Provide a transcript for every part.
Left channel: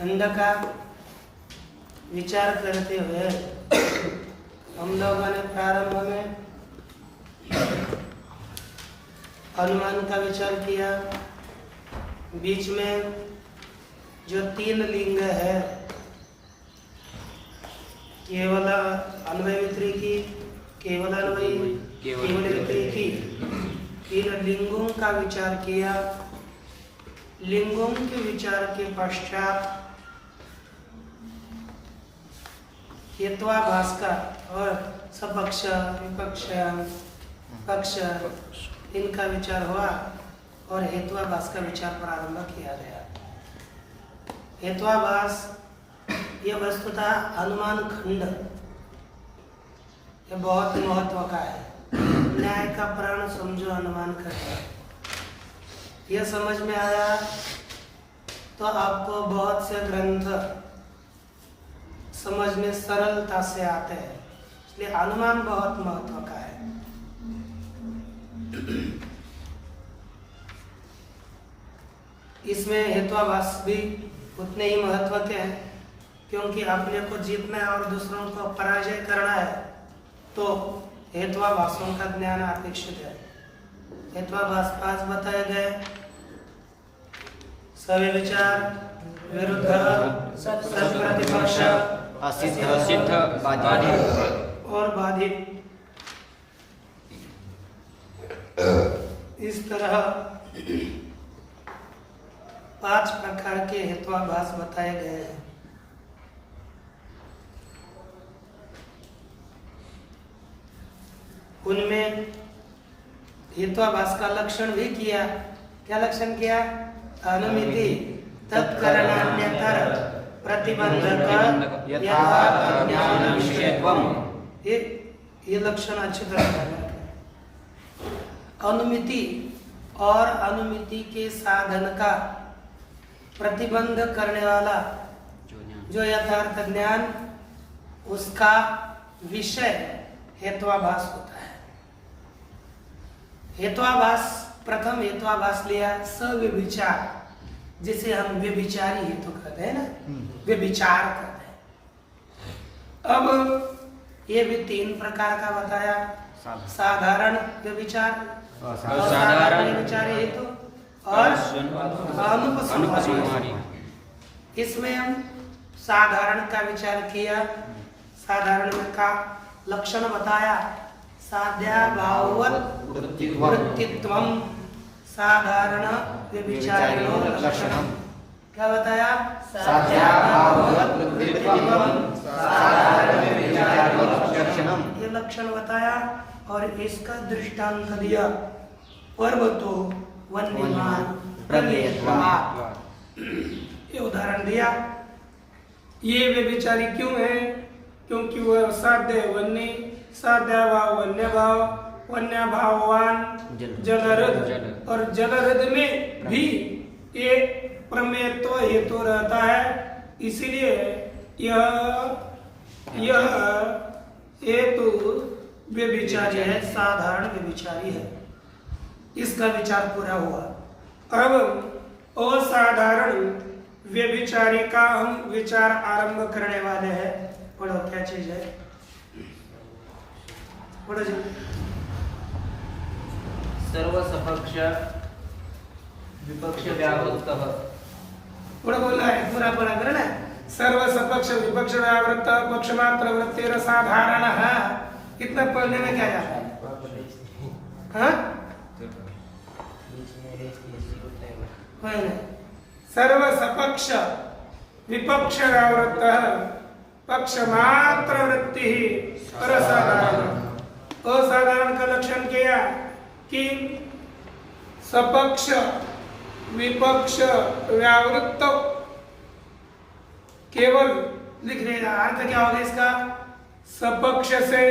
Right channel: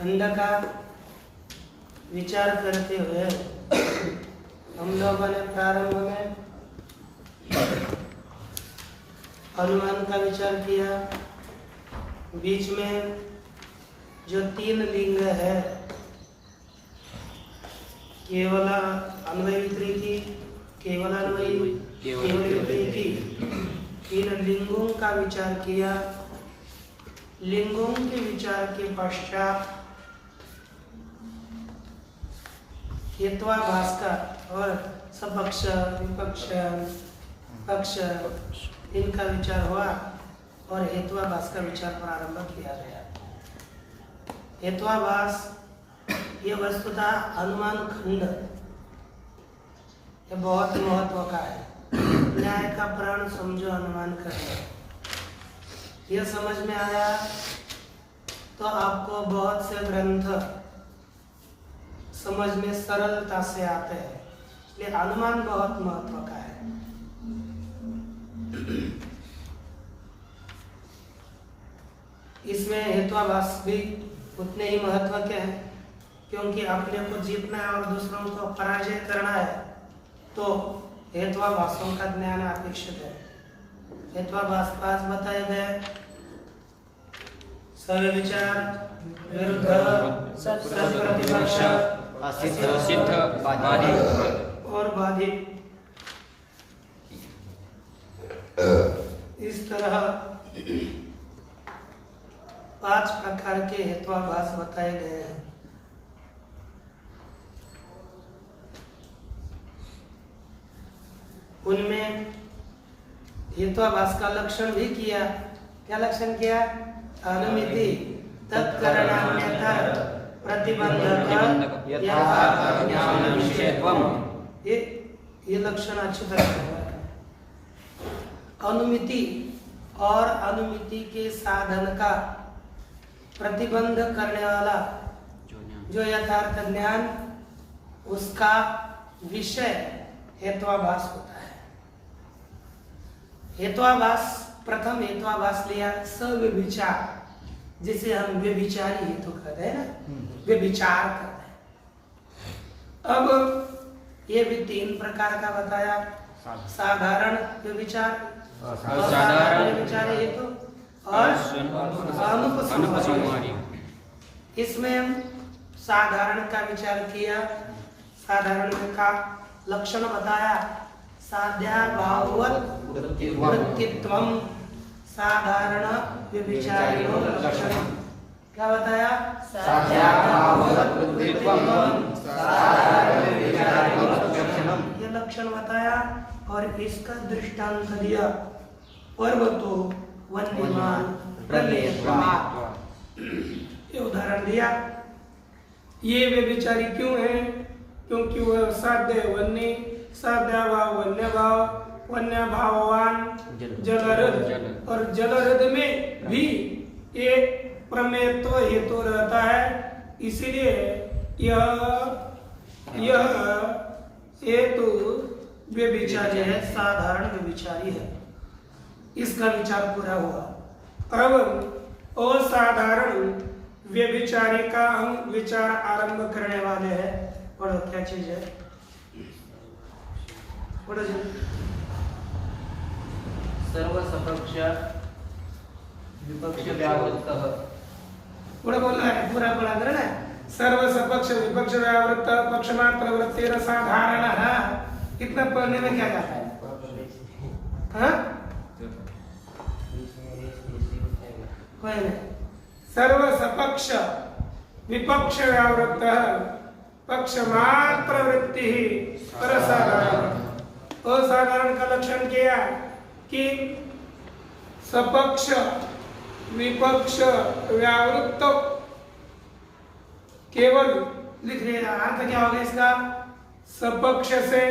खंड का विचार करते हुए हम लोगों ने प्रारंभ में अनुमान का विचार किया। बीच में जो 3 लिंग है, केवल अन्वय व्यतिरेकी, केवल अन्वयी, केवल व्यतिरेकी, 3 लिंगों का विचार किया। लिंगों के विचार के पश्चात हेत्वाभास का और सपक्ष, विपक्ष, पक्ष इनका विचार हुआ और हेत्वाभास का विचार प्रारंभ किया गया। हेत्वाभास ये वस्तुतः अनुमान खंड ये बहुत महत्व का है। न्याय का प्राण समझो अनुमान खंड। यह समझ में आया तो आपको बहुत से ग्रंथ समझ में सरलता से आते हैं। इसलिए अनुमान बहुत महत्व का है। इसमें हेत्वाभास भी उतने ही महत्व के हैं, क्योंकि अपने को जीतना है और दूसरों को पराजय करना है तो हेत्वाभासों का ज्ञान अपेक्षित है। हेत्वाभास 5 बताए गए। सव्य विचार, विरुद्ध, सत्प्रतिपक्ष, असिद्ध, बाधित और बाधित। इस तरह 5 प्रकार के हेत्वाभास बताए गए हैं। उनमें हेत्वाभास का लक्षण भी किया। क्या लक्षण किया? अनुमिति, तत्करणान्यतर, प्रतिबंधक, ये लक्षण अच्छी तरह है। अनुमिति और अनुमिति के साधन का प्रतिबंध करने वाला जो यथार्थ ज्ञान, उसका विषय हेत्वाभास होता है। हेत्वाभास, प्रथम हेत्वाभास लिया सव्यभिचार, जिसे हम व्यभिचारी हेतु कहते हैं ना, व्यभिचार कहते हैं। अब ये भी 3 प्रकार का बताया। साधारण व्यभिचार, असाधारण व्यभिचारी हेतु और अनुपसंहारी। इसमें हम साधारण का विचार किया। साधारण का लक्षण बताया। साध्याभाववत् वृत्तित्वम् साधारण व्यभिचारिणो लक्षणम्। क्या बताया? साध्याभाववत् वृत्तित्वम् साधारण व्यभिचारिणो लक्षणम्। ये लक्षण बताया और इसका दृष्टांत दिया। पर्वतो वन्यमान प्रमेयत्वात्। ये उदाहरण दिया। ये व्यभिचारी क्यों है? क्योंकि वह साध्य वन्य, साध्याभाव वन्य भाव, वन्य भाववान जलरद, और जलरद में भी एक प्रमेयत्व हेतु रहता है। इसीलिए यह हेतु व्यभिचारी है, साधारण व्यभिचारी है। इसका विचार पूरा हुआ। अब असाधारण व्यभिचारी का हम विचार आरंभ करने वाले हैं। पढ़ो, क्या चीज है? पढ़ो जी। सर्वसपक्ष विपक्ष व्यावृत्तः। पूरा बोलना है, पूरा पढ़ा कर ना। सर्वसपक्ष विपक्ष व्यावृत्त पक्षमात्र वृत्तिर साधारणः। इतना पढ़ने में क्या जाता है? हाँ, सर्वसपक्ष विपक्ष व्यावृत्तः पक्षमात्र वृत्ति असाधारण। असाधारण का लक्षण किया कि सपक्ष विपक्ष व्यावृत्त केवल लिख देगा। अर्थ क्या होगा इसका? सपक्ष से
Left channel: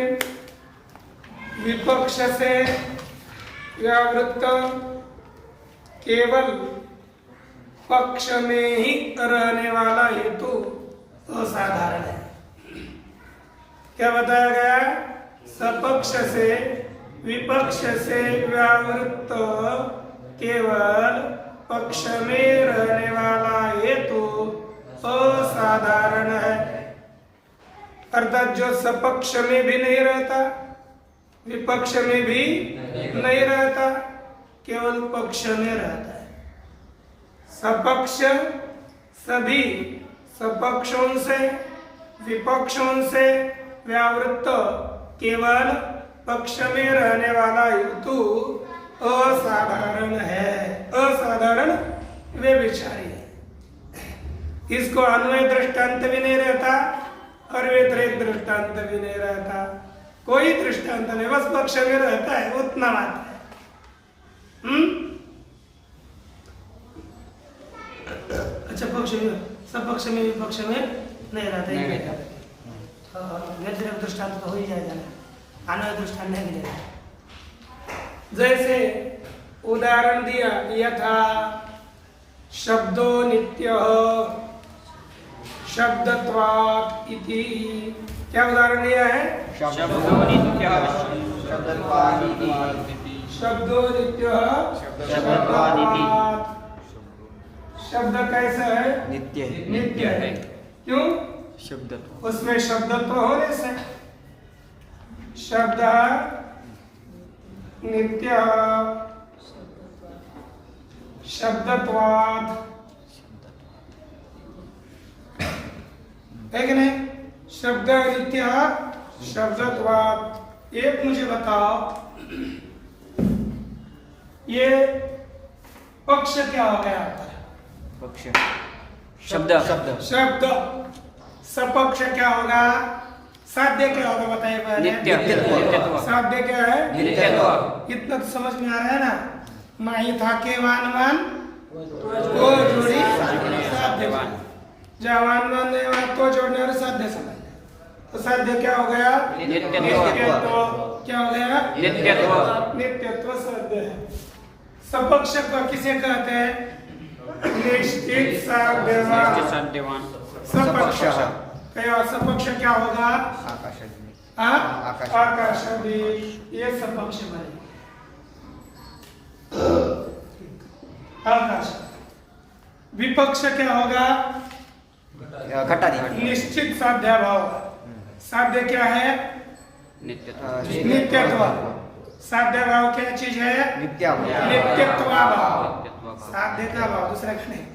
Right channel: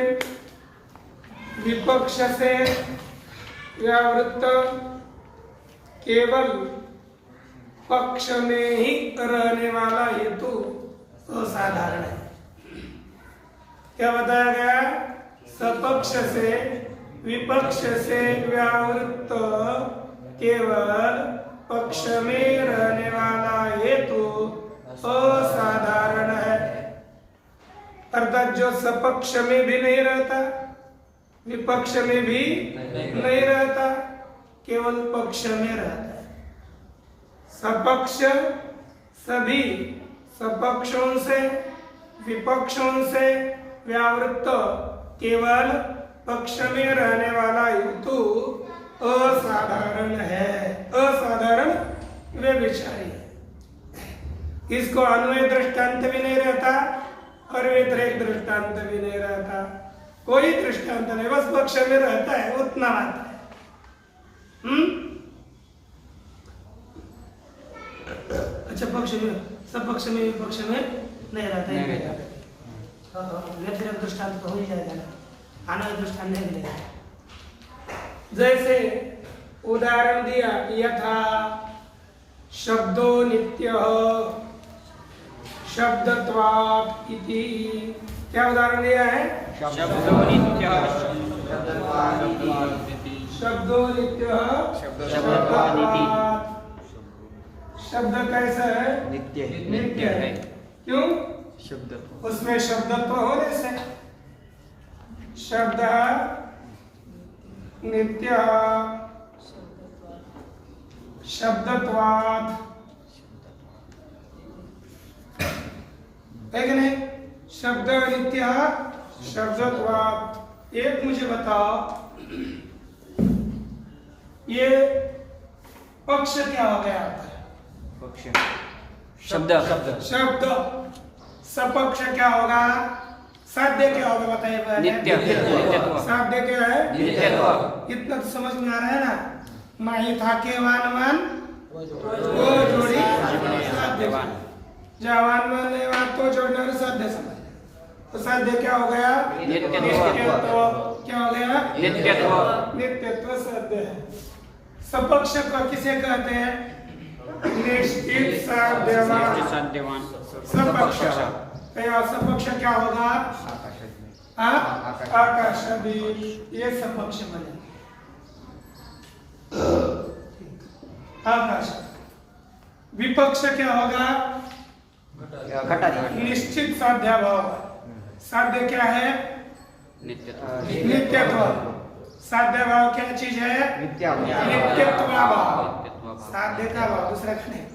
विपक्ष से व्यावृत्त केवल पक्ष में ही रहने वाला हेतु असाधारण है। क्या बताया गया? सपक्ष से विपक्ष से व्यावृत्त केवल पक्ष में रहने वाला हेतु अर्थात जो सपक्ष में भी नहीं रहता, विपक्ष में भी नहीं रहता, केवल पक्ष में रहता है। सपक्ष सभी सपक्षों से विपक्षों से व्यावृत्त केवल पक्ष में रहने वाला हेतु असाधारण है, असाधारण व्यभिचारी है। इसको अन्वय दृष्टांत भी नहीं रहता और व्यतिरेक दृष्टांत भी नहीं रहता, कोई दृष्टांत नहीं, बस पक्ष में रहता है, उतना मात्र है। अच्छा, पक्ष में सपक्ष में विपक्ष में नहीं रहता, व्यतिरेक दृष्टांत तो हो ही जाएगा ना, अन्वय दृष्टांत नहीं मिलेगा। जैसे उदाहरण दिया, यथा शब्दो नित्यः शब्दत्वात् इति, क्या उदाहरण दिया है? शब्दो नित्यः शब्दो नित्यः शब्दत्वात् इति। शब्द कैसा है? नित्य है। क्यों? शब्दत्व, उसमें शब्दत्व होने से शब्द नित्य शब्दत्वात्, है कि नहीं? शब्द नित्य शब्दत्वात्। एक मुझे बताओ, ये पक्ष क्या हो गया? पक्ष, शब्द शब्द। सपक्ष क्या होगा? साध्य क्या होगा बताइए पहले। नित्य, नित्यत्व। साध्य क्या है? नित्यत्व। इतना तो समझ में आ रहा है ना। माही था के वान को जोड़ी साध्यवान। जवान मान नहीं मान को जोड़ने वाले साध्य समझ। तो साध्य क्या हो गया? नित्यत्व। क्या हो गया? नित्यत्व। नित्यत्व साध्य है। सपक्ष को किसे कहते हैं? निश्चित साध्यवान। साध्यवान। सपक्ष। सपक्ष क्या होगा? आकाश भी, ये सपक्ष बने। आकाश। विपक्ष क्या होगा? निश्चित साध्याभाव। साध्य क्या है? नित्यत्व। नित्यत्व। साध्याभाव क्या चीज है? नित्यत्व भाव। साध्य का भाव, दूसरा का नहीं।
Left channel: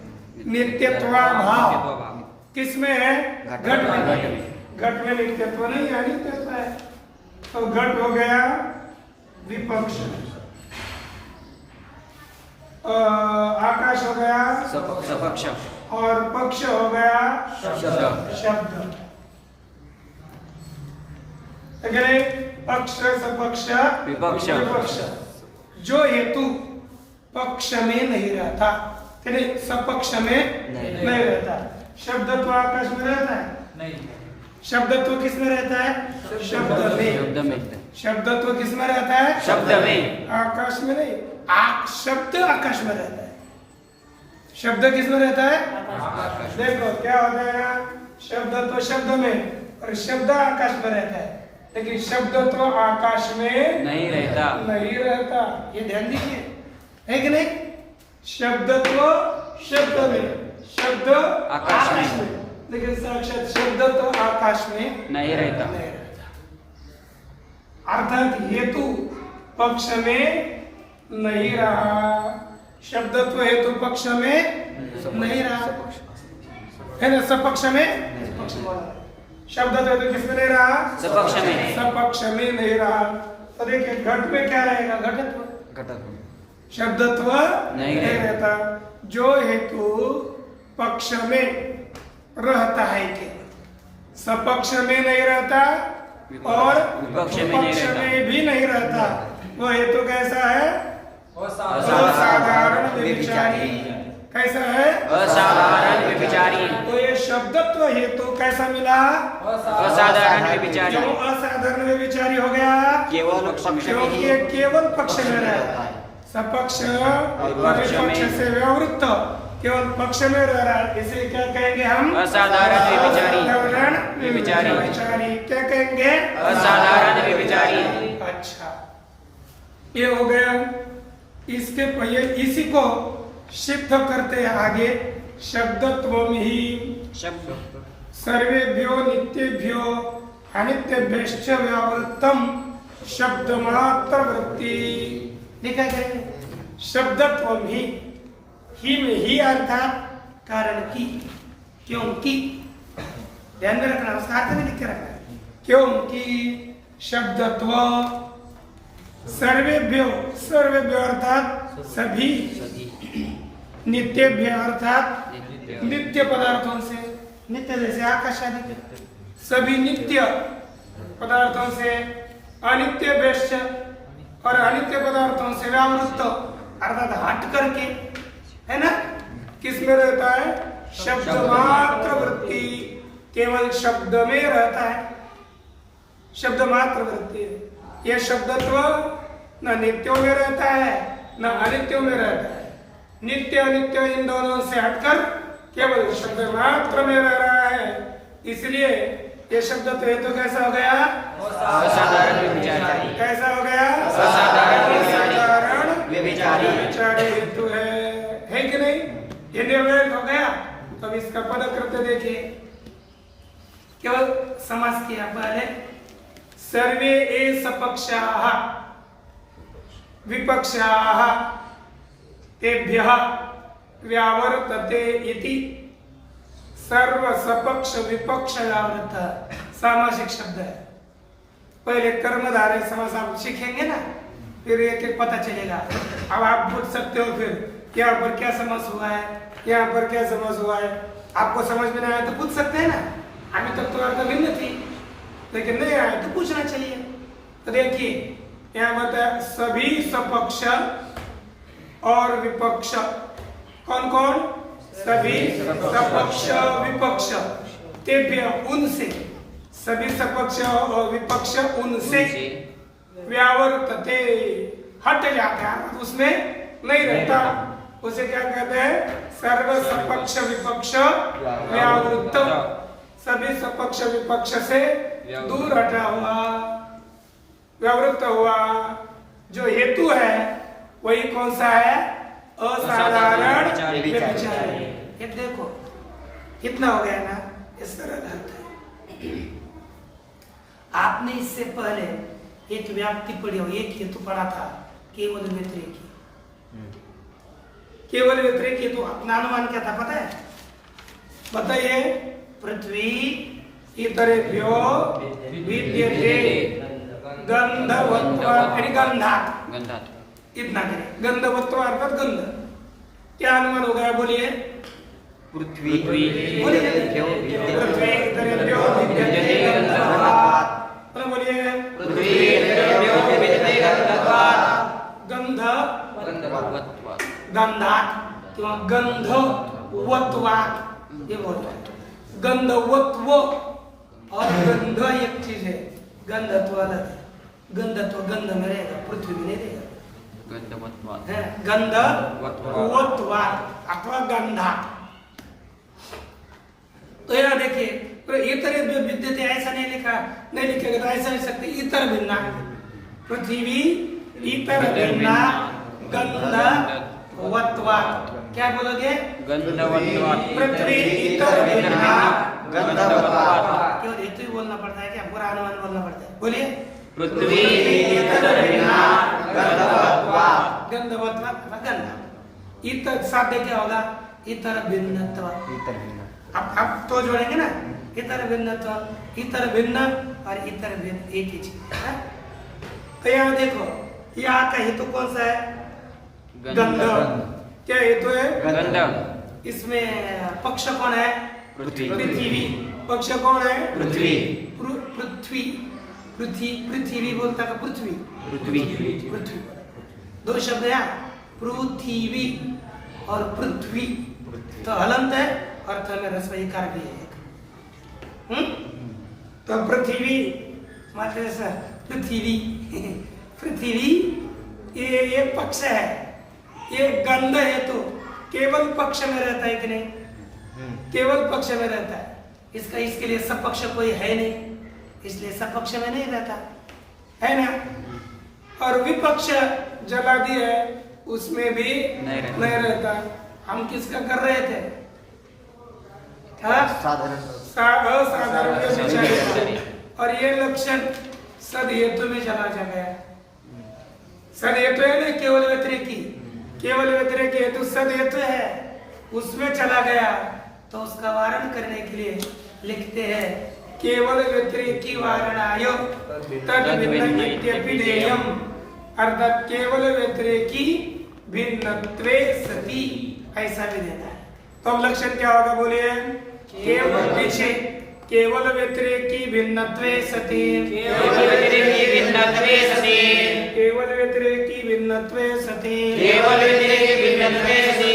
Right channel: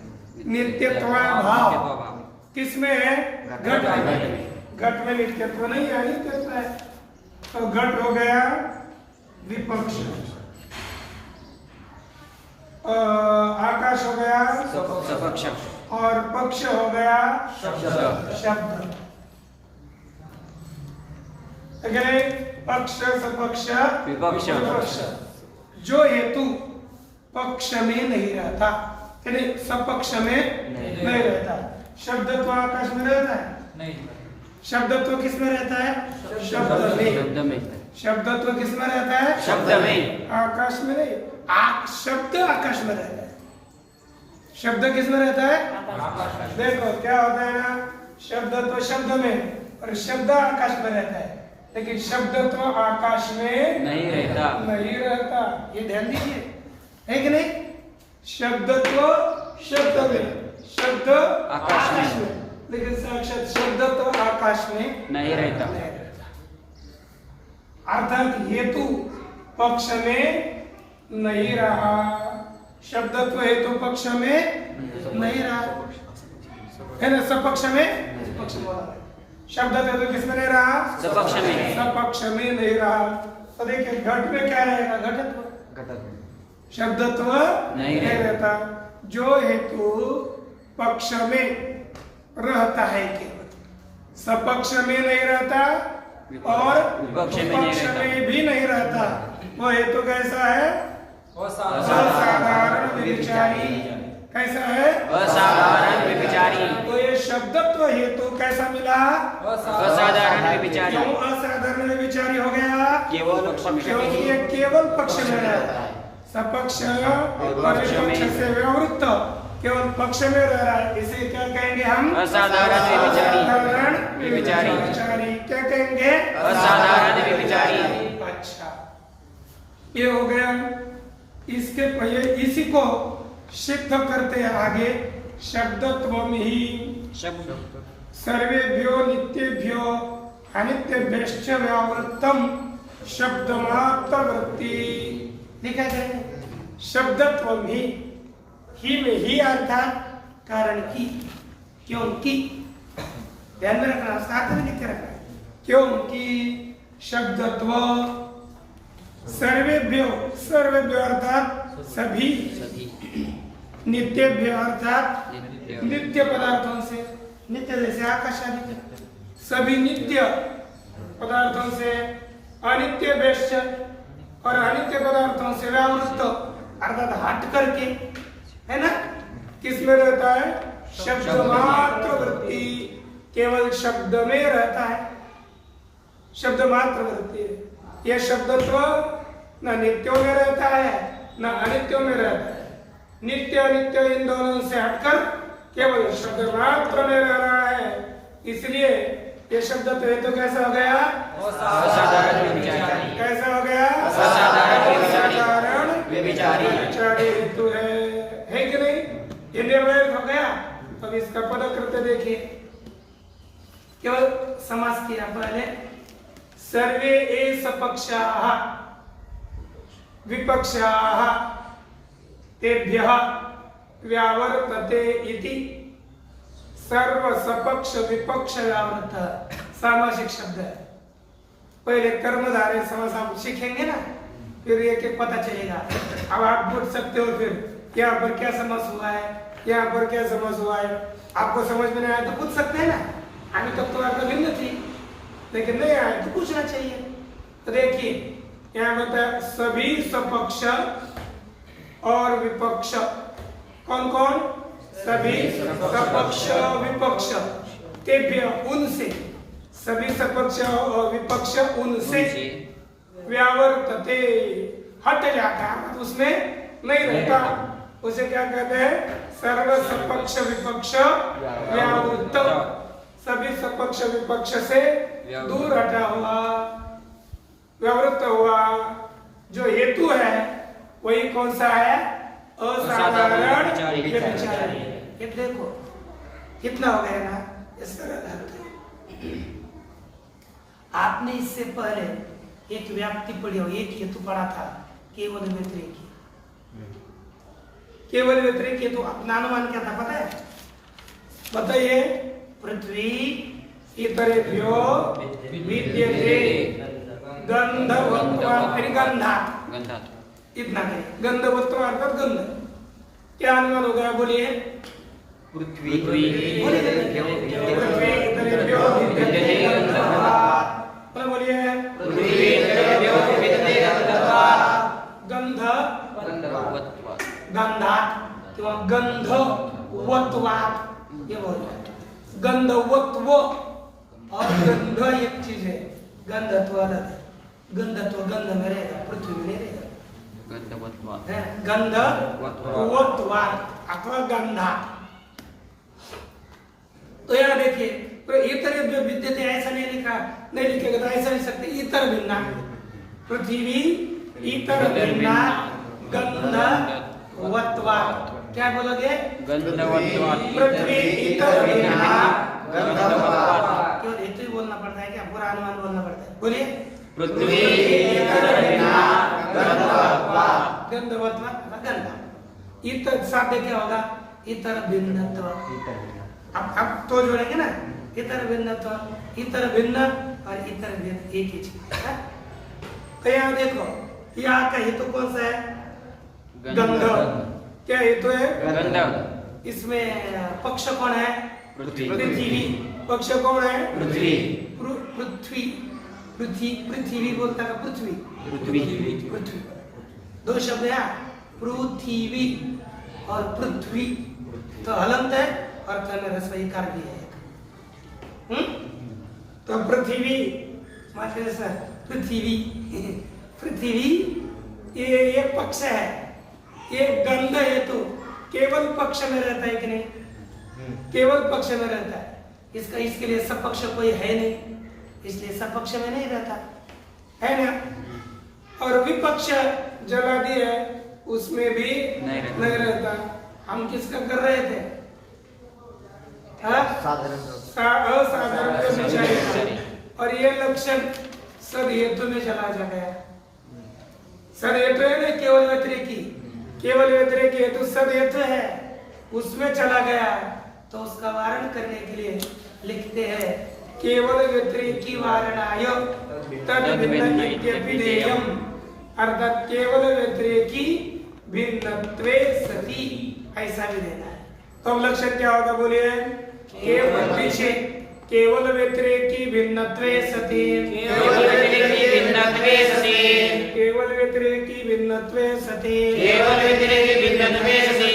नित्यत्व भाव किसमें है? घट में। घट में नित्यत्व नहीं है, नित्यत्व है। तो घट हो गया विपक्ष, आकाश हो गया सपक्ष, और पक्ष हो गया शब्द। अगर पक्ष सपक्ष विपक्ष। विपक्ष, जो हेतु पक्ष में नहीं रहता, सपक्ष में नहीं रहता। शब्दत्व आकाश में रहता है? नहीं। शब्दत्व किस में रहता है? शब्द में। शब्द में। शब्दत्व किस में रहता है? शब्द में। आकाश में नहीं। शब्द आकाश में रहता है। शब्द किस में रहता है? देखो क्या होता है ना, शब्दत्व शब्द में और शब्द आकाश में रहता है, लेकिन शब्दत्व आकाश में नहीं रहता। नहीं रहता, ये ध्यान दीजिए, है कि नहीं? शब्दत्व शब्द में, शब्द आकाश में, लेकिन साक्षात शब्द तो आकाश में नहीं रहता। अर्थात हेतु पक्ष में नहीं रहा, शब्दत्व हेतु पक्ष में नहीं रहा, है ना? सपक्ष में पक्ष बोला, शब्दत्व हेतु किस में नहीं रहा? सपक्ष में। सपक्ष में नहीं रहा। तो देखिए घट में क्या रहेगा? घटत्व। शब्दत्व नहीं रहता। जो हेतु पक्ष में रहता है केवल, सपक्ष में नहीं रहता और विपक्ष में नहीं रहता, में भी नहीं रहता, वो हेतु कैसा है? असाधारण व्यभिचारी। कैसा है? असाधारण व्यभिचारी। तो ये शब्दत्व हेतु कैसा मिला? असाधारण व्यभिचारी। क्यों असाधारण व्यभिचारी हो गया? केवल पक्ष में। क्योंकि ये केवल पक्ष में रहता है। सपक्ष विपक्ष में से व्यावृत्त केवल पक्ष में रह रहा है, इसे क्या कहेंगे हम? असाधारण व्यभिचारी। असाधारण व्यभिचारी। क्या कहेंगे? असाधारण व्यभिचारी। अच्छा, ये हो गया। इसके पहले इसी को सिद्ध करते हैं आगे, शब्दत्वम ही शब्द सर्वेभ्यो नित्येभ्यो अनित्यभ्यश्च व्यावृत्तम शब्दमात्र वृत्ति लिखा जाए शब्दत्व में ही अर्थात कारण की क्योंकि ध्यान में रखना उसका अर्थ नहीं लिख के रखना है क्योंकि शब्दत्व सर्वेभ्यो अर्थात सभी नित्यभ्य अर्थात नित्य पदार्थों से नित्य जैसे आकाश आदि सभी नित्य पदार्थों से अनित्य भ्यश्च और अनित्य पदार्थों से व्यावृत्त अर्थात हट करके है ना किस में रहता है शब्द मात्र वृत्ति केवल शब्द में रहता है शब्द मात्र वृत्ति यह शब्दत्व न नित्यों में रहता है न अनित्यों में रहता है नित्य अनित्य इन दोनों से हटकर केवल शब्द मात्र में रह रहा है इसलिए ये शब्द तो हेतु कैसा हो गया असाधारण व्यभिचारी कैसा हो गया असाधारण व्यभिचारी व्यभिचारी हेतु है कि नहीं ये निर्णय हो गया तो अब इसका पदकृत्य देखिए केवल समास किया पहले सर्वे एष पक्षाः विपक्षाः तेभ्यः व्यावर्तते इति सर्व सपक्ष विपक्ष व्यावृत सामासिक शब्द है पहले कर्मधारय समास आप सीखेंगे ना फिर एक एक पता चलेगा अब आप पूछ सकते हो फिर यहाँ पर क्या समास हुआ है यहाँ पर क्या समास हुआ है आपको समझ में नहीं आया तो पूछ सकते हैं ना अभी तक तो आपका भिन्न थी लेकिन नहीं आया तो पूछना चाहिए तो देखिए यहाँ बताया सभी सपक्ष और विपक्ष कौन कौन सभी सपक्ष विपक्ष तेभ्य उनसे सभी सपक्ष और विपक्ष उनसे व्यावर्तते हट जाता है उसमें नहीं रहता उसे क्या कहते हैं सर्व सपक्ष विपक्ष व्यावृत्त सभी सपक्ष विपक्ष से दूर हटा हुआ व्यावृत्त हुआ जो हेतु है वही कौन सा है असाधारण व्यभिचारी ये देखो कितना हो गया ना इस तरह अर्थ है आपने इससे पहले एक व्याप्ति पढ़ी हो एक हेतु पढ़ा था केवल व्यतिरेक केवल व्यतिरेक हेतु अपना अनुमान क्या था पता है बताइए पृथ्वी इतरेभ्यो विद्यते गंधवत्व गंधात् इतना करें गंधवत्व अर्थात गंध क्या अनुमान हो गया बोलिए पृथ्वी बोलिए पृथ्वी इतरेभ्यो विद्यते गंधवत्वात् बोलिए पृथ्वी इतरेभ्यो विद्यते गंधवत्वात् गंधात् किंवा गंधवत्वात् ये बोल गंधवत्व और गंध एक चीज है गंधत्व अलग है गंधत्व गंध में रहेगा पृथ्वी में नहीं रहेगा गंधवत्वात् अथवा गंधात् तो यहाँ देखिए तो इतर विद्यते ऐसा नहीं लिखा नहीं लिखेगा तो ऐसा लिख सकते इतर भिन्ना पृथ्वी इतर भिन्ना गंधवत्वात् क्या बोलोगे गंधवत्वात् पृथ्वी इतर भिन्ना गंधवत्वात् क्यों हेतु ही बोलना पड़ता है क्या पूरा अनुमान बोलना पड़ता है बोलिए पृथ्वी इतर भिन्ना गंधवत्वात् गंधवत्वात् गंधा इतर साध्य क्या होगा इतर भिन्नत्व अब तो जोड़ेंगे ना इतर भिन्नत्व इतर भिन्न और इतर भिन्न एक ही चीज है तो यहाँ देखो यहाँ का हेतु कौन सा है गंध क्या हेतु है गंध इसमें पक्ष कौन है पृथ्वी पक्ष कौन है पृथ्वी पृथ्वी बोलता का पृथ्वी दो शब्द है पृथ्वी और पृथ्वी तो हलंत है और में रसोई कार भी है तो पृथ्वी पृथ्वी ये पक्ष है ये गंध हेतु केवल पक्ष में रहता है कि नहीं केवल पक्ष में रहता है इसके लिए सपक्ष कोई है नहीं इसलिए सपक्ष में नहीं रहता है ना और विपक्ष जला दिया है उसमें भी नहीं रहता हम किसका कर रहे थे असाधारण और ये लक्षण सद हेतु में चला जा गया। सद हेतु है ना केवल व्यतिरेकी, केवल व्यतिरेकी हेतु सद हेतु है, उसमें चला गया तो उसका वारण करने के लिए लिखते हैं केवल व्यतिरेकी वारणाय तद भिन्न इत्यपि देयम्, अर्थात केवल व्यतिरेकी भिन्नत्वे सति, ऐसा भी देना है। तो अब लक्षण क्या होगा बोलिए? केवल पीछे केवल व्यतिरेकी भिन्नत्वे सति, केवल व्यतिरेकी भिन्नत्वे सति, केवल व्यतिरेकी भिन्नत्वे सति, केवल व्यतिरेकी भिन्नत्वे सति,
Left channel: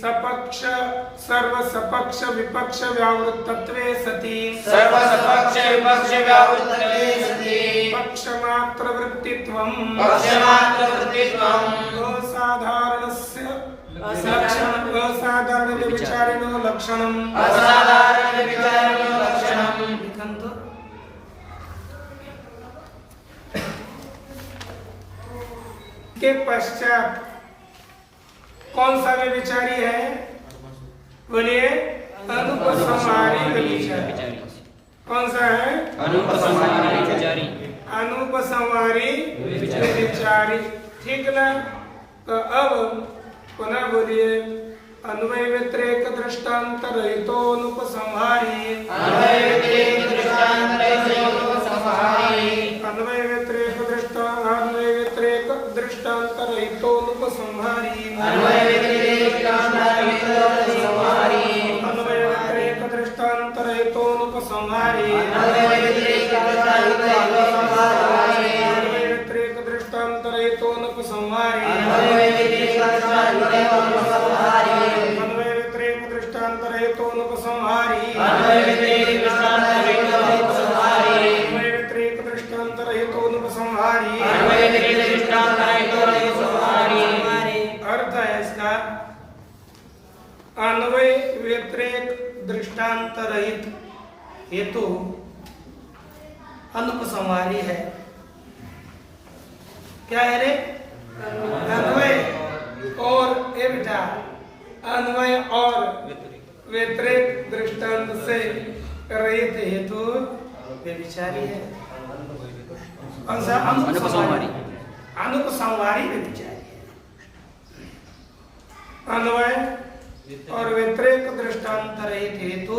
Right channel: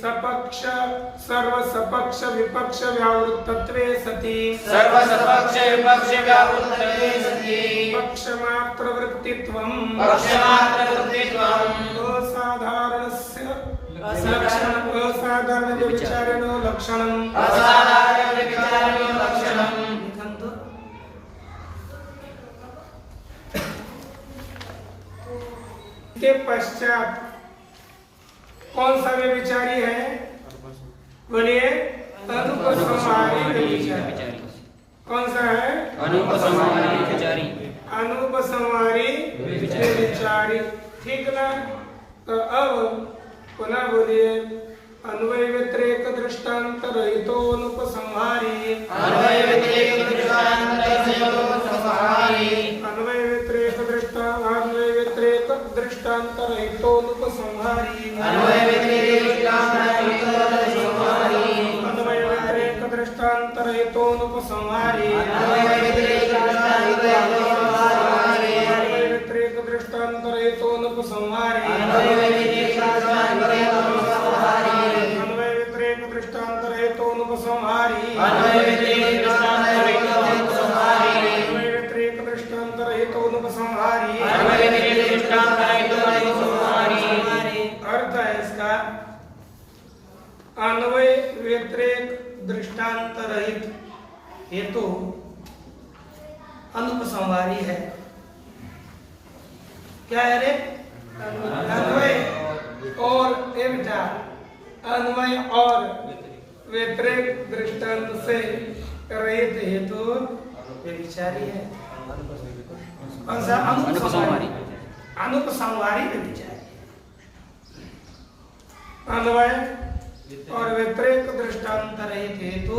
सपक्ष सर्व सपक्ष विपक्ष व्यावृत्तत्वे सति, सर्व सपक्ष विपक्ष व्यावृत्तत्वे सति, पक्षमात्र वृत्तित्वम्, पक्षमात्र वृत्तित्वम्, असाधारणस्य असाधारण व्यभिचारिणो लक्षणम्, असाधारण व्यभिचारिणो लक्षणम्। के पश्चात कौन सा व्यभिचारी है? बोलिए अनुपसंहारी व्यभिचारी। कौन सा है? अनुपसंहारी व्यभिचारी। अनुपसंहारी व्यभिचारी, ठीक ना? तो अब पुनः बोलिए अन्वय व्यतिरेक दृष्टांत रहितो अनुपसंहारी, अन्वय व्यतिरेक दृष्टांत रहितो अनुपसंहारी, अन्वय व्यतिरेक दृष्टांत रहितो अनुपसंहारी, अन्वय व्यतिरेक दृष्टांत रहितो अनुपसंहारी, अन्वय व्यतिरेक दृष्टांत रहितो अनुपसंहारी, अन्वय व्यतिरेक दृष्टांत रहितो अनुपसंहारी, अन्वय व्यतिरेक अन्वय व्यतिरेक दृष्टांत रहितो अनुपसंहारी, अन्वय व्यतिरेक दृष्टांत रहितो अनुपसंहारी, अन्वय व्यतिरेक दृष्टांत रहितो अनुपसंहारी, अन्वय व्यतिरेक दृष्टांत रहितो अनुपसंहारी। अर्थ है इसका अन्वय व्यतिरेक दृष्टांत रहित हेतु अनुपसंहारी है। क्या है रे? अन्वय और बेटा अन्वय और व्यतिरेक दृष्टांत से रहित हेतु व्यभिचारी है। कौन सा? अनुपसंहारी। अनुपसंहारी व्यभिचारी है। अन्वय और व्यतिरेक दृष्टांत रहित हेतु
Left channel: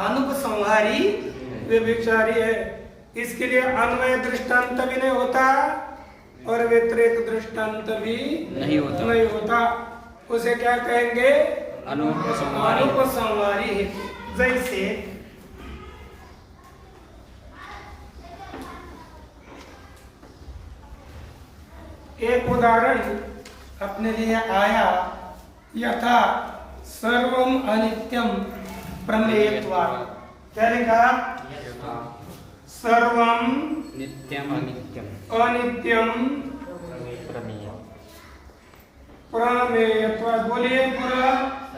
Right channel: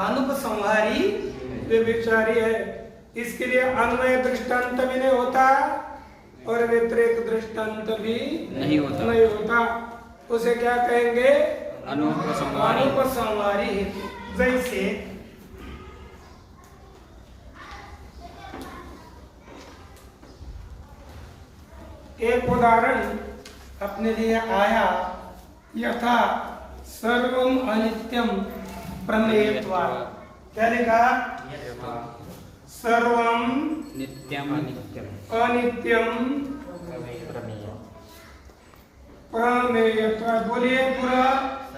अनुपसंहारी व्यभिचारी है। इसके लिए अन्वय दृष्टांत भी नहीं होता और व्यतिरेक दृष्टांत भी नहीं होता। उसे क्या कहेंगे? अनुपसंहारी। अनुपसंहारी हेतु। जैसे एक उदाहरण अपने लिए आया, यथा सर्वम अनित्यम प्रमेयत्वात्। क्या लिखा? सर्वम नित्यम अनित्यम प्रमेयत्वात्। बोलिए पूरा।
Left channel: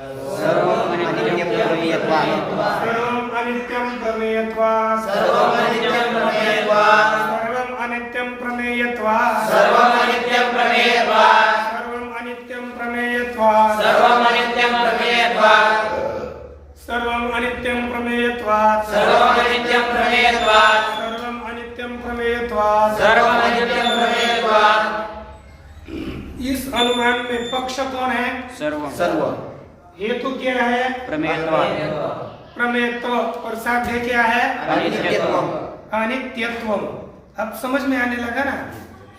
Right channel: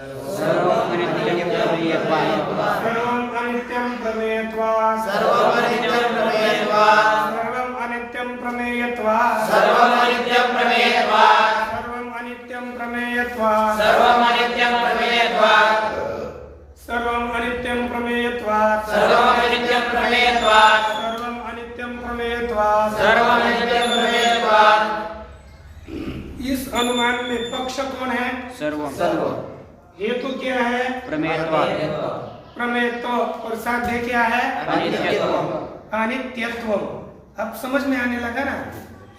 सर्वम अनित्यम प्रमेयत्वात्, सर्वम अनित्यम प्रमेयत्वात्, सर्वम अनित्यम प्रमेयत्वात्, सर्वम अनित्यम प्रमेयत्वात्, सर्वम अनित्यम प्रमेयत्वात्, सर्वम अनित्यम प्रमेयत्वात्, सर्वम अनित्यम प्रमेयत्वात्, सर्वम अनित्यम प्रमेयत्वात्, सर्वम अनित्यम प्रमेयत्वात्, सर्वम अनित्यम प्रमेयत्वात्, सर्वम अनित्यम प्रमेयत्वात्। इस अनुमान में पक्ष कौन है? सर्वम। हेतु क्या है? प्रमेयत्वात्, प्रमेयत्व। और साध्य क्या है? अनित्यत्वम्। अनित्यत्वम्। अब समझ में आने लगा ना?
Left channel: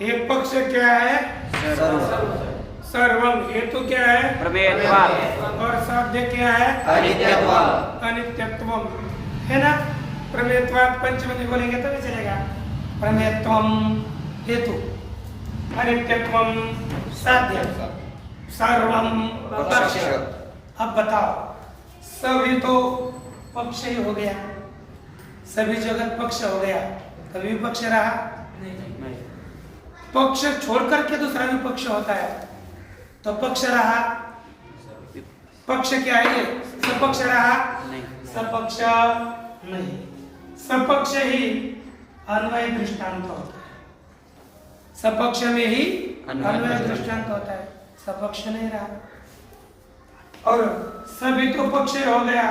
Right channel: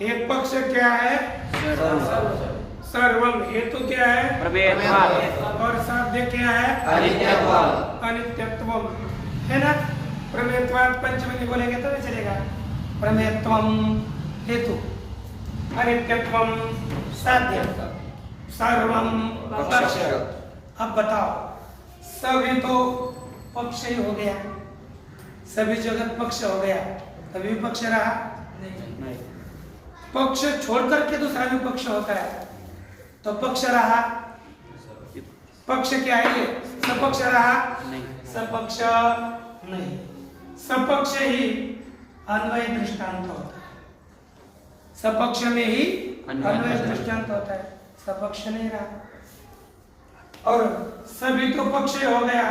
एक पक्ष क्या है? सर्वम। हेतु क्या है? प्रमेयत्वात् और साध्य क्या है? अनित्यत्वम्। अनित्यत्वम्, है ना? प्रमेयत्वात् पंचमी बोलेंगे तभी चलेगा। प्रमेयत्वम् हेतु, अनित्यत्वम् साध्य, सर्वम पक्ष। अब बताओ, सभी तो पक्ष ही हो गया, सभी जगत पक्ष हो गया, तभी पक्ष रहा नहीं। पक्ष छोड़ करके दूसरा भी पक्ष होता है तो पक्ष रहा। पक्ष क्या है? सपक्ष रहा नहीं। सपक्ष नहीं। सपक्ष ही अन्वय दृष्टांत होता है। सपक्ष में ही अन्वय दृष्टांत होता है, सपक्ष नहीं रहा। और सभी तो पक्ष हो गया,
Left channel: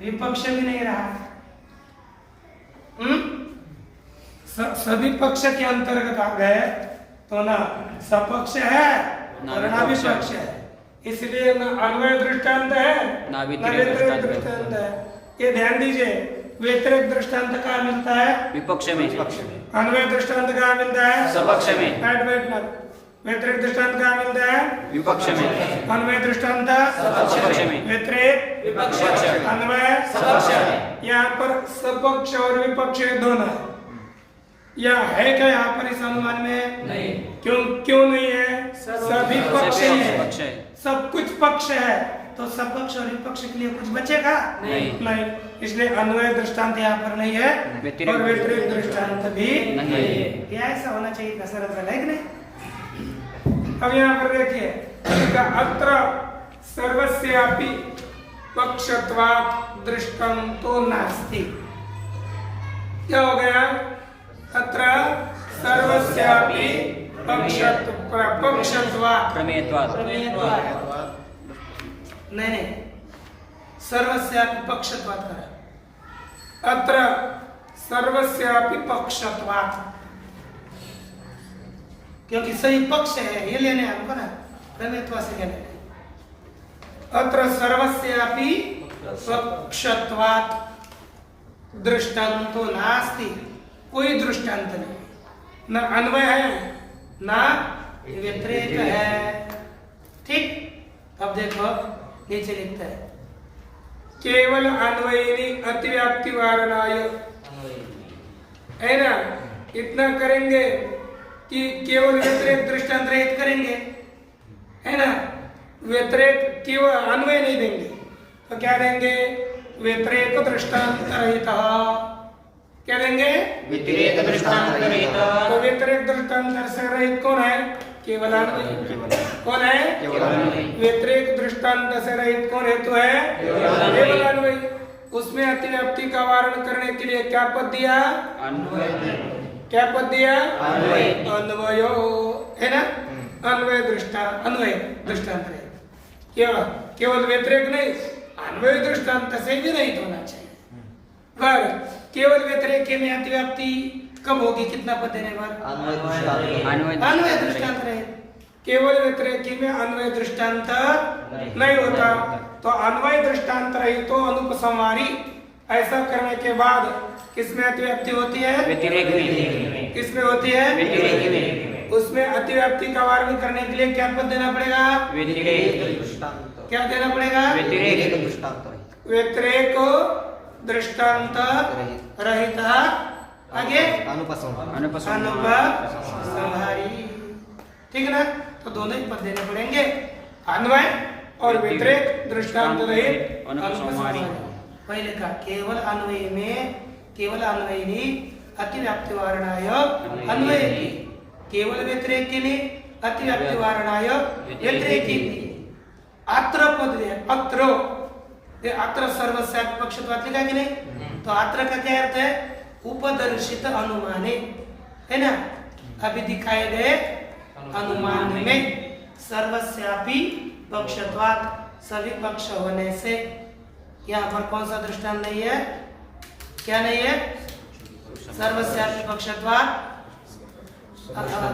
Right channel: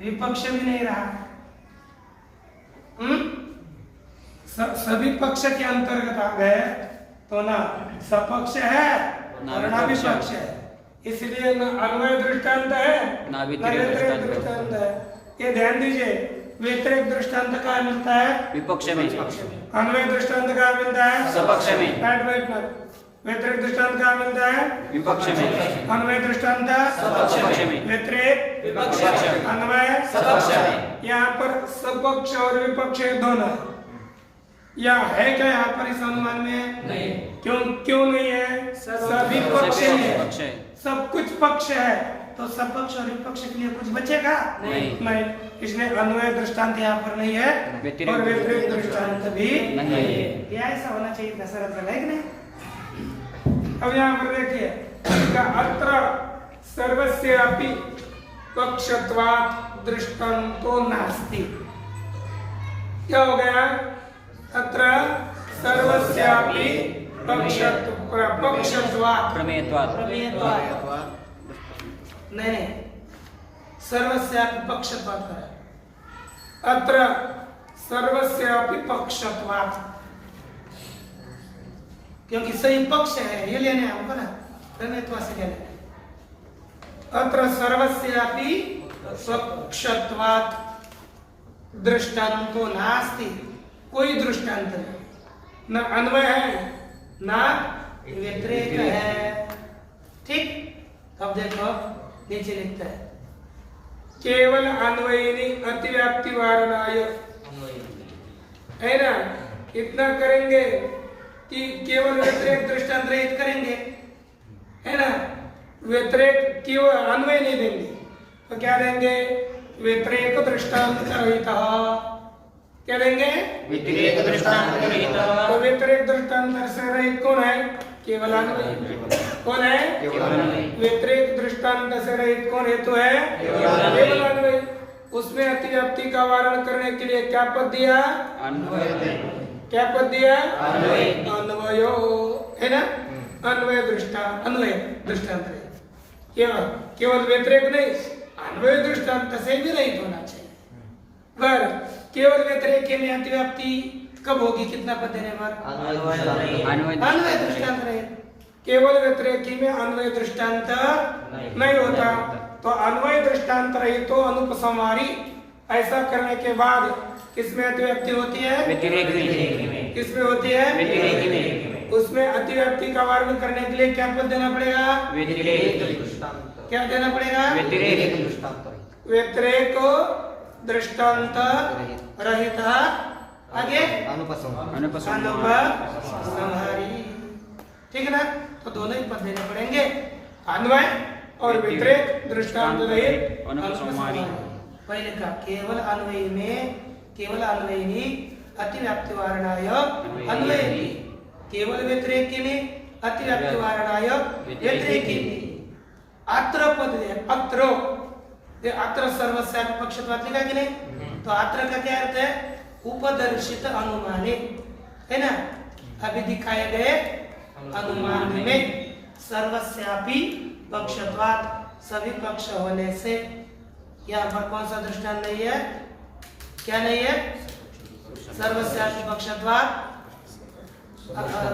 विपक्ष भी नहीं रहा। सभी पक्ष के अंतर्गत आ गए तो ना सपक्ष है ना और ना विपक्ष विपक्ष है, इसलिए ना अन्वय दृष्टांत है ना व्यतिरेक दृष्टांत है। है। ये ध्यान दीजिए, व्यतिरेक दृष्टांत कहाँ मिलता है? विपक्ष में। अन्वय दृष्टांत कहाँ मिलता है? सपक्ष में। व्यतिरेक दृष्टांत कहाँ मिलता है? विपक्ष में। अन्वय दृष्टांत सपक्ष में। व्यतिरेक विपक्ष। अन्वय सपक्ष में। यहाँ पर सपक्ष और विपक्ष दोनों है। या है क्या यहाँ पर इस अनुमान में? नहीं। क्यों नहीं है? सभी पक्ष पक्ष है, है। सब कुछ पक्ष है, तो सपक्ष और विपक्ष के लिए कुछ बचेगा नहीं। इसलिए अन्वय दृष्टांत यहाँ पर नहीं है व्यतिरेक और व्यतिरेक दृष्टांत भी नहीं है। क्या ऐसा होना चाहिए? कसरत वाला है कि नहीं? अब यहाँ पर देखिए, अत्र सर्वस्यापि पक्षत्वात् दृष्टांतो नास्ति। क्या हो गया? अत्र सर्वस्यापि पक्षत्वात् प्रमेयत्वात्। नहीं, सर्वस्यापि पक्षत्वात् करा। अत्र सर्वस्यापि पक्षत्वात्, क्योंकि सही पक्ष है, ये लेने हमको ना, प्रमेयत्वा से कहने। अत्र सर्वस्यापि पक्षत्वात् दृष्टांतो नास्ति, कोई दृष्टांत नहीं, न अन्वय है ना व्यतिरेक है। ठीक, अब देखो नीचे लिखता है, केवल अन्वयिनी अतिव्याप्ति वारणाय, है ना? इतना करेंगे कि केवल व्यतिरेक दृष्टांत रहित करेंगे, है ना? व्यतिरेक केवल अन्वय नहीं देंगे, तो क्या देंगे? व्यतिरेक दृष्टांत रहित। क्या देंगे? व्यतिरेक दृष्टांत रहित। तो व्यतिरेक दृष्टांत से रहित कौन है? केवल अन्वय। कौन है? केवल अन्वय। व्यतिरेक दृष्टांत से रहित कौन हेतु है? केवल अन्वय। उसमें अतिव्याप्ति का वारण करने के लिए क्या पद दिया? अन्वय। क्या पद दिया? अन्वय। अन्वयो, है ना? अन्वय दृष्टांत रहित। केवल व्यतिरेक नहीं, अन्वय दृष्टांत से भी रहित होना चाहिए। पर केवल व्यतिरेक में अतिव्याप्ति कब होगी? कितना पद देने पर? अन्वय दृष्टांत रहे। केवल व्यतिरेक में अन्वय दृष्टांत नहीं होता, तो अन्वय दृष्टांत रही तो अनुपसंहारी। ऐसा करने के बाद किसमें अतिव्याप्ति होती है? व्यतिरेक में। किसमें होती है? व्यतिरेक में। उसमें अतिव्याप्ति का वारण करने के लिए क्या पद देना पड़ेगा? व्यतिरेक। क्या देना पड़ेगा? व्यतिरेक। व्यतिरेक दृष्टांत रहित, आगे अनुपसंहारी। ठीक है ना? तो दोनों ही पद देने पड़ेंगे, अन्वय और व्यतिरेक दृष्टांत रहित अनुपसंहारी। पहले का केवल अन्वय में, केवल अन्वयिनी अतिव्याप्ति वारणाय अन्वयति, केवल व्यतिरेक के लिए अतिव्याप्ति वारणाय व्यतिरेकी। अत्र पद है, अत्र सर्वस्यापि पक्षत्वात् लिखा कि नहीं? तो अत्र का क्या अर्थ है? उपदर्शित अनुमाने, है ना? अभी दिखाए गए अनुमान में सर्वस्यापि पक्षत्वात्, सभी पक्ष होने से। यहाँ पर कौन सा दृष्टांत नहीं है? क्या नहीं है? सर्वस्यापि पक्षत्वात्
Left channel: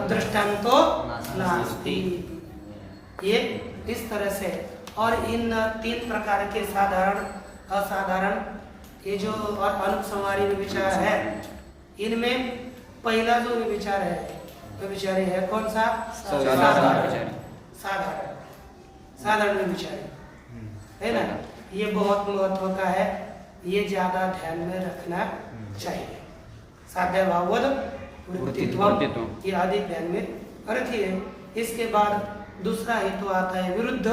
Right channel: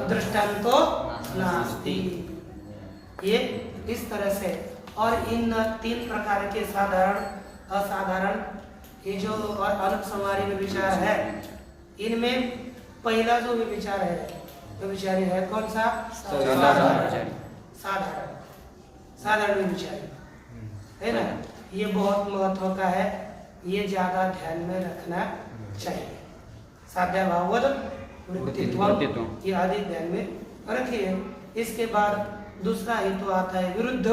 दृष्टांतो नास्ति। ये इस तरह से। और इन तीन प्रकार के साधारण, असाधारण, ये जो और अनुपसंहारी विचार है, इनमें पहला जो विचार है, तो विचार है कौन सा? साधारण विचार है ना? ये बहुत महत्व का है, ये ज्यादा ध्यान में रखना चाहिए। साध्याभाववद वृत्तित्वम्, ये आदि ध्यान में रखिए। इसके बाद दूसरा हेतु आता है विरुद्ध।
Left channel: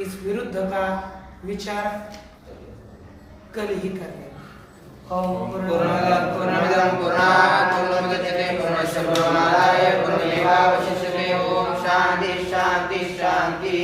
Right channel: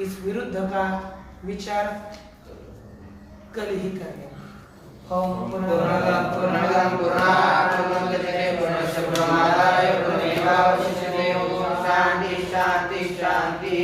इस विरुद्ध का विचार कल ही करेंगे। ओम पूर्णमदः पूर्णात् पूर्णमुदच्यते पूर्णस्य पूर्णमादाय पूर्णमेवावशिष्यते। ओम शांति शांति शांति।